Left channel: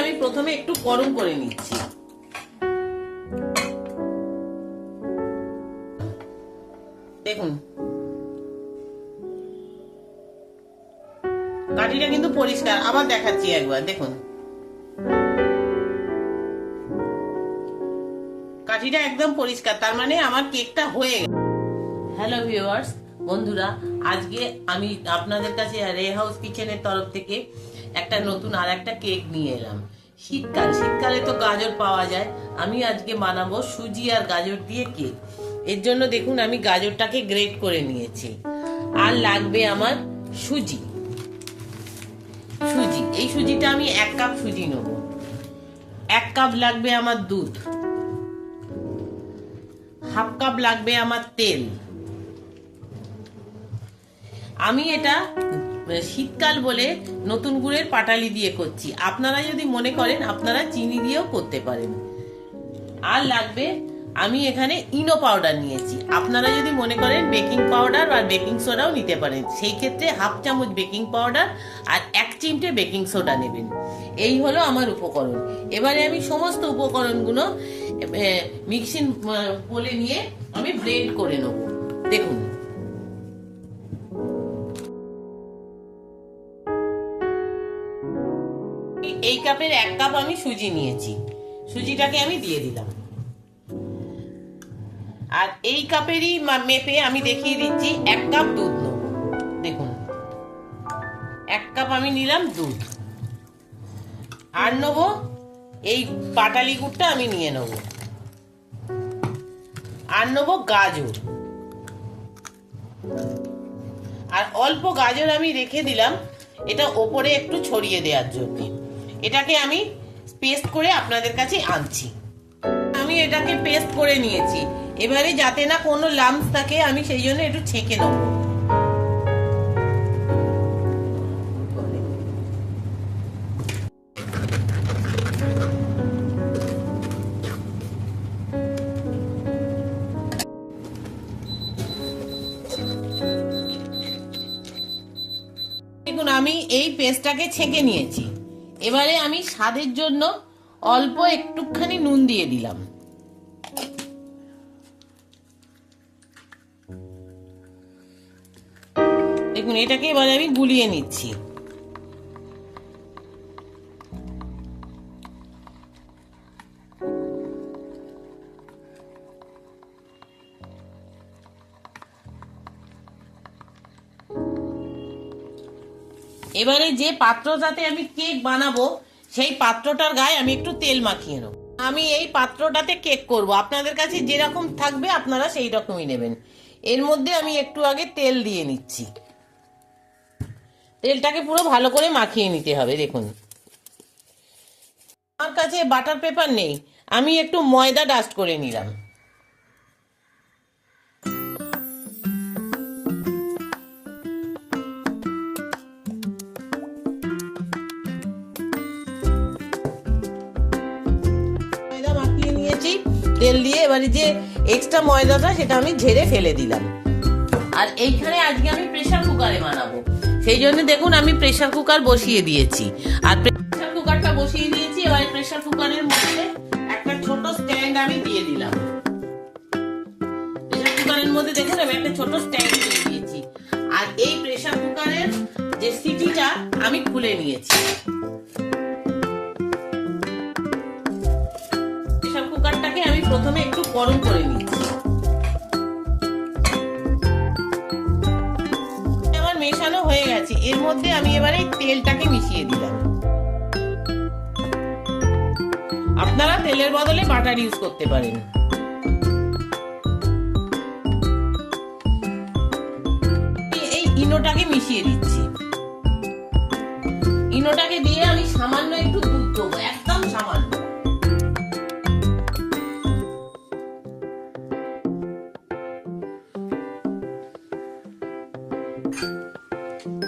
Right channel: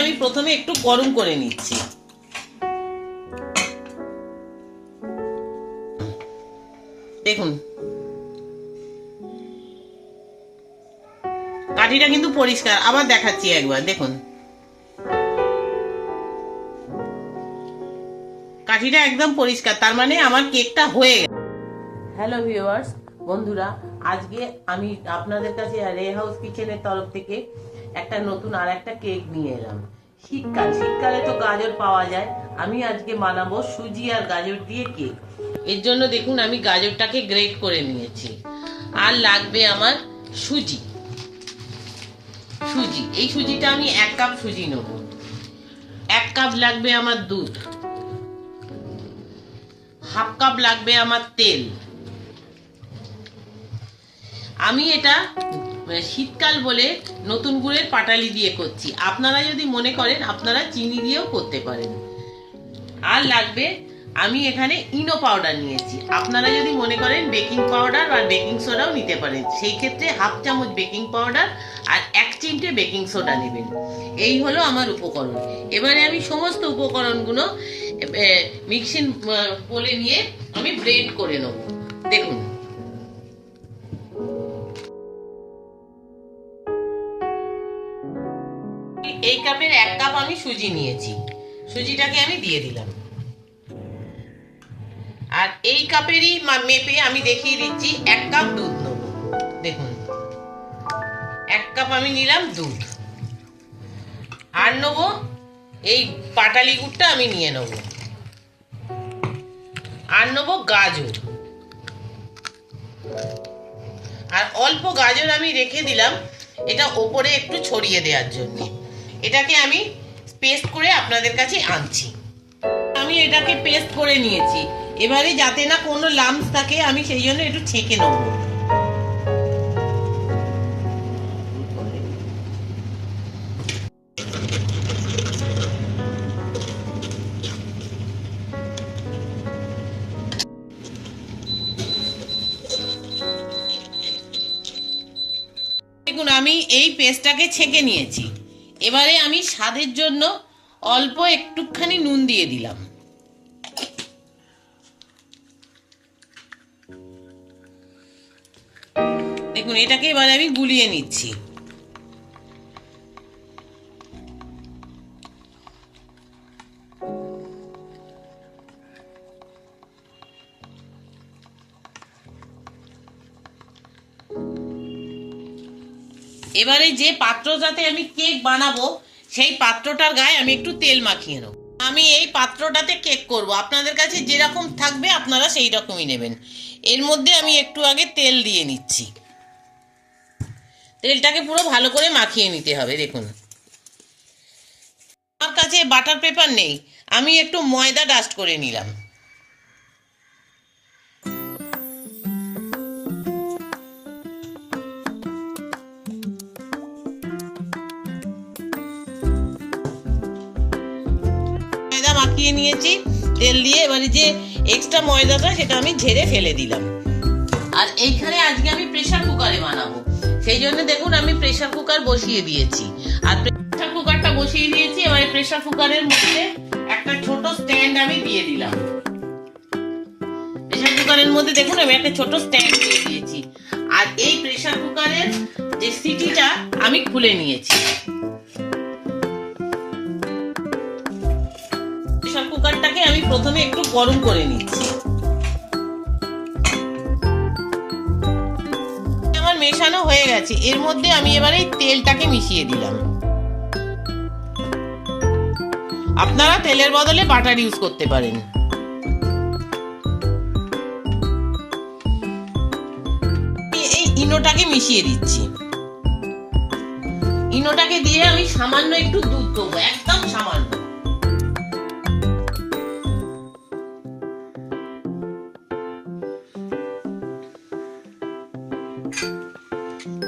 আমি প্রথমে একটু গরম করে নিচ্ছি। দেখুন কাঠিটা কিন্তু পরিষ্কার, আবার দেখাচ্ছি একবার। দেখুন কাঠিটা একদম পরিষ্কার, তার মানে আমার কেকটা হয়ে গেছে। হ্যালো ভিউয়ার্স, বন্ধুরা, আজকে আমি আপনাদের কাছে রে হাউস কিচেনের তরফ থেকে একটা নতুন আর একটা কেক নিয়ে এলাম। শীতকালে তো গাজর পাওয়া যায়। আমি আজকে বানাবো সুজি আর গাজর দিয়ে কেক। এর জন্য দেখুন আমি গাজরটাকে গ্রেট করে নিয়েছি। আর লাগবে আমার সুজি। এই সুজিটা আমি 1 কাপ সুজি নেব। 1 কাপ লাগবে আমার দুধ। 1/2 কাপ লাগবে আমার তেল। আমি এটা শীতকাল বলে নতুন গুড়ের পাটালি দিয়ে করছি। আপনারা যদি মনে করেন আপনারা চিনি দিয়েও করতে পারেন। আর লাগবে, আমি এখানে ইনো পাউডার নিয়েছি। আপনারা যদি মনে করেন বেকিং পাউডার বা বেকিং সোডাও নিতে পারেন। সেই ক্ষেত্রে 1/2 চামচ বেকিং পাউডার আর 1 চিমটে বেকিং সোডা নেবেন। এই হলো আমার উপকরণ। এবারে আমি সমস্ত উপকরণগুলো মিক্সিং বলে নিয়ে আমি ব্লেন্ড করে নেব। দেখুন এই কাপের 1 কাপ আমি সুজি নিয়েছি। সুজিটাকে আমি দিয়ে দিলাম। আর এই কাপেরই মেপে আমি দেখিয়ে দিচ্ছি 1 কাপ দুধ নেব। দেখুন 1 কাপ আমি নিলাম দুধ। আর নেব এই পাটালি গুড়টা আমি নিয়ে নেব। আর নেব গাজর। আর অল্প গাজর আমি রেখে দিলাম এটা ওপরে একটু ছড়িয়ে দেওয়ার জন্য। এটাকে আমি পেস্ট করে আপনাদের কাছে আনছি। আমি এটাকে পেস্ট করে নিয়েছি। এবারে যাতে না কোনো লাম্পস থাকে আমি সেই জন্য একটু ছেঁকে নেব। দেখুন আমি এই পেস্টটাকে ছেঁকে নিয়েছি। এবারে আমি স্বাদের জন্য অল্প একটুখানি নুন দিয়ে দিলাম। দেখুন এটাকে এবারে আমি গুলিয়ে নিচ্ছি। এবারে যে পাত্রটাতে আমি কেক বানাবো সেই পাত্রটার গায়ে আমি একটু তেল মাখিয়ে নেব। আমি এই পাত্রটাতে কেক করব। আপনাদের কাছে যেরকম থাকবে আপনারা সেই রকমই নেবেন। এর মধ্যে আমি একটু আগে তেল দিয়ে নিচ্ছি। তেলটাকে পুরো ভালো করে মাখিয়ে নিতে হবে। দেখুন আমার কাছে বাটার পেপার নেই, আমি একটু ময়দা ডাস্ট করে নিলাম। ময়দা মাখিয়ে নিয়েছি তেল দিয়ে। এবারে যে এক্সট্রা ময়দাটা সেটা আমি ঝেড়ে ফেলে দিলাম। আর এইখানে আজকে আমি প্রেসার কুকারে বানাবো, সেই জন্য দেখুন আমি প্রেসার কুকার বসিয়ে দিয়েছি। আর প্রেসার কুকারটা বসিয়ে দিয়েছি। এবারে প্রেসার কুকারের মধ্যে একটা ছোট স্ট্যান্ড আমি দিয়ে দিলাম। প্রেসার কুকারের মধ্যে দেখুন আমি একটা ছোট স্ট্যান্ড দিয়ে দিয়েছি। আর এই প্রেসার কুকারের যে সিটিটা আমি খুলে নিয়েছি। প্রেসার কুকারটাকে আমি প্রথমে একটু গরম করে নিচ্ছি। আমার মেশানো হয়ে গেছে। এর মধ্যে আমি এবারে তেলটাকে মিশিয়ে দিলাম। আপনারা তেলের বদলে বাটার ইউজ করতে পারেন। এই ইনোটাকে মিশিয়ে দিচ্ছি। ইনোটাকে দিয়ে আমি সামান্য একটু দুধ দেবো, একদম সামান্য।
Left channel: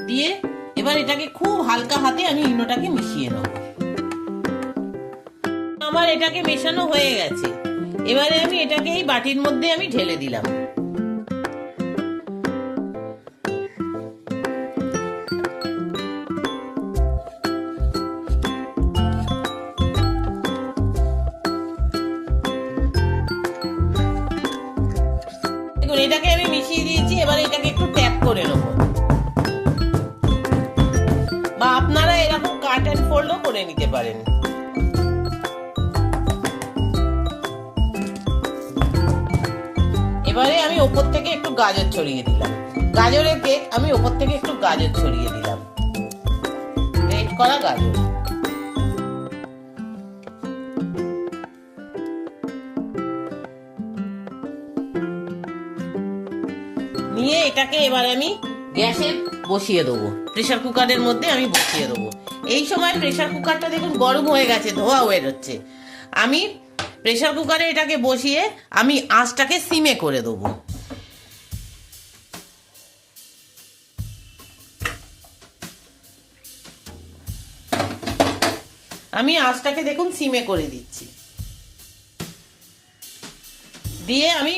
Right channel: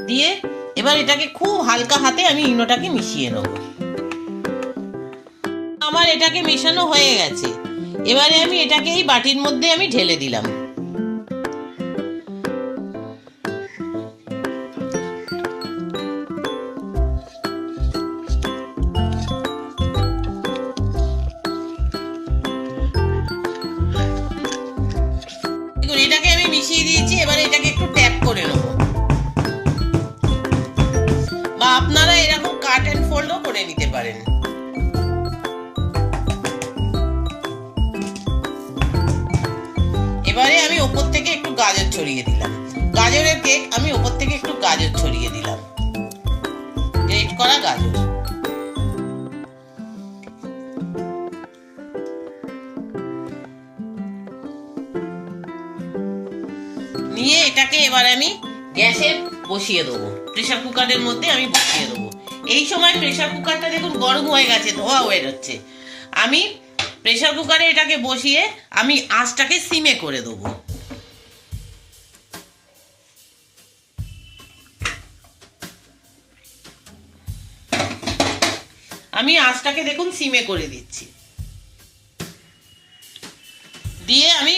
দিয়ে এবার এটাকে খুব হালকা হাতে আমি ইনোটাকে মিশিয়ে নেব। আমার এটাকে মেশানো হয়ে গেছে। এবারে আমি এটাকে এই বাটির মধ্যে আমি ঢেলে দিলাম। গাজরের কেক আমি ওপর থেকে একটু গাজর ছড়িয়ে দিলাম, গ্রেট করা গাজর। নিয়ে এটাকে এবার আমি গ্যাসে বসিয়ে দেবো, প্রেসার কুকারের মধ্যে আমি বসিয়ে দেবো। এই সময় প্রেসার কুকারটা দেখুন গরম হয়ে গেছে, ধোয়া হয়ে যাচ্ছে। আমি প্রেসার কুকারে এটাকে বসিয়ে আমি আঁচটাকে সিমে করে দেবো। আমি আঁচটাকে দেখুন সিমে করে দিচ্ছি, দিয়ে আমি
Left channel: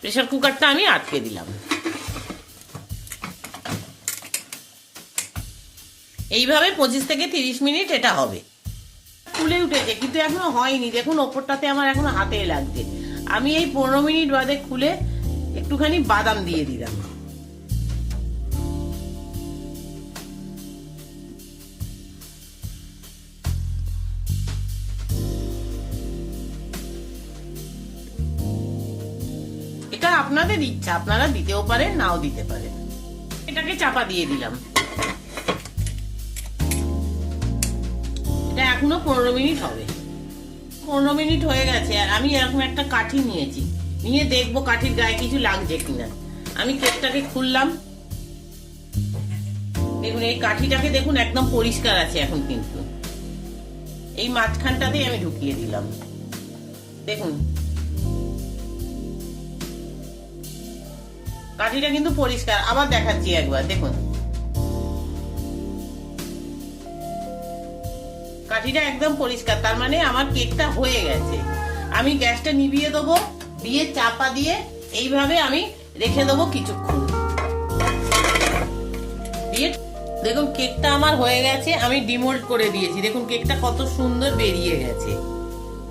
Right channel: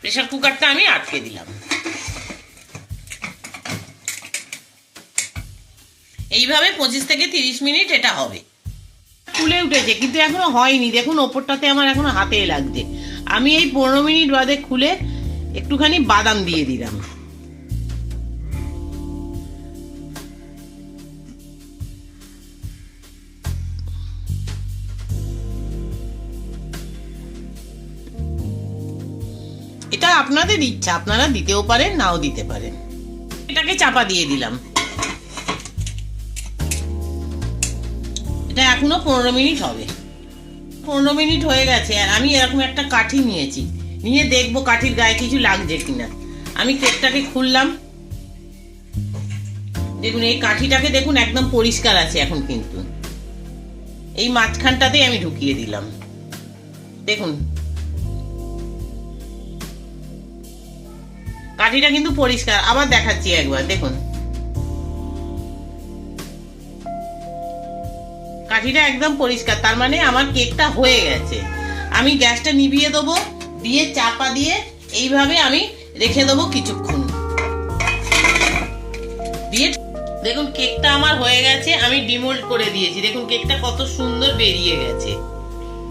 প্রেসার কুকারটা আমি আটকে দিলাম। এইভাবে 25 থেকে 30 মিনিট এটা হবে। ফুলে উঠেছে কিন্তু এখনো হয়নি, দেখুন ওপরটাতে আমার এখনো হাতে লাগছে। আমি এই 15 মিনিট বাদে খুলে একটুখানি বাদাম দিয়ে দিলাম। এটা আপনাদের ইচ্ছা, আপনারা দিতেও পারেন নাও দিতে পারেন। এটাকে চাপা দিয়ে দিলাম। এটা এখনো 15 মিনিট হবে। 15 মিনিট হয়ে গেছে আর আমি এরকম একটা কাঠি নিয়েছি, নিয়ে দেখবো কাঠির গায়ে কিছু লাগছে কিনা। আমি কেকটাকে খুললাম, দেখুন এই কাঠিটাকে দেখুন একদম পরিষ্কার আছে এখন। কিন্তু এই মাঝখানটাতেই আমি ঢুকিয়ে দিলাম, দেখুন কাঠিটা কিন্তু পরিষ্কার। আবার দেখাচ্ছি একবার, দেখুন কাঠিটা একদম পরিষ্কার, তার মানে আমার কেকটা হয়ে গেছে। আমি গ্যাসটা নিভিয়ে দেবো, দিয়ে চাপা দিয়ে এইভাবে আমি রেখে দেবো কিছুক্ষণ। দিয়ে দেখুন কেকটা আমার হয়ে গেছে, আমি ডিমোল্ড করে দিয়েছি। দেখুন কেকটা কত সুন্দর বেরিয়ে গেছে,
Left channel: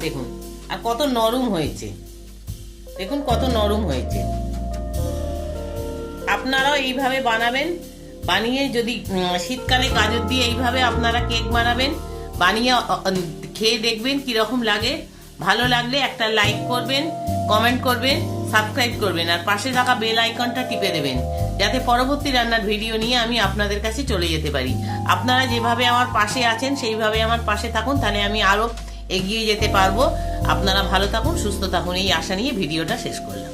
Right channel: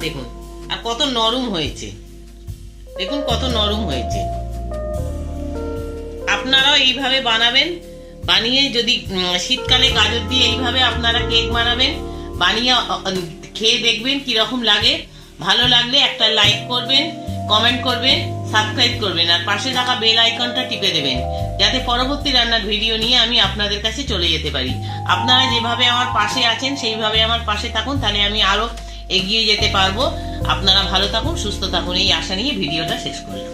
দেখুন আর কত নরম হয়েছে, দেখুন কত নরম হয়েছে। আপনারাও এইভাবে বানাবেন, বানিয়ে যদি শীতকালে গাজর দিয়ে এইভাবে আপনারা কেক বানাবেন, বানিয়ে খেয়ে দেখবেন কিরকম লাগে। ভালো লাগলে একটা লাইক করবেন, কমেন্ট করবেন, সাবস্ক্রাইব করবেন আর পাশে থাকা বেল আইকনটা টিপে দেবেন, যাতে পরবর্তী রান্নার ভিডিও নিয়ে আমি আপনাদের কাছে চলে যেতে পারি। আপনারা যেভাবে আমার পাশে আছেন সেইভাবে আমার পাশে থাকুন, তাহলে আমি আরো এগিয়ে যেতে পারবো। আপনারা ভালো থাকুন, সুস্থ থাকুন, এই আশা নিয়ে ভিডিওটা শেষ করলাম।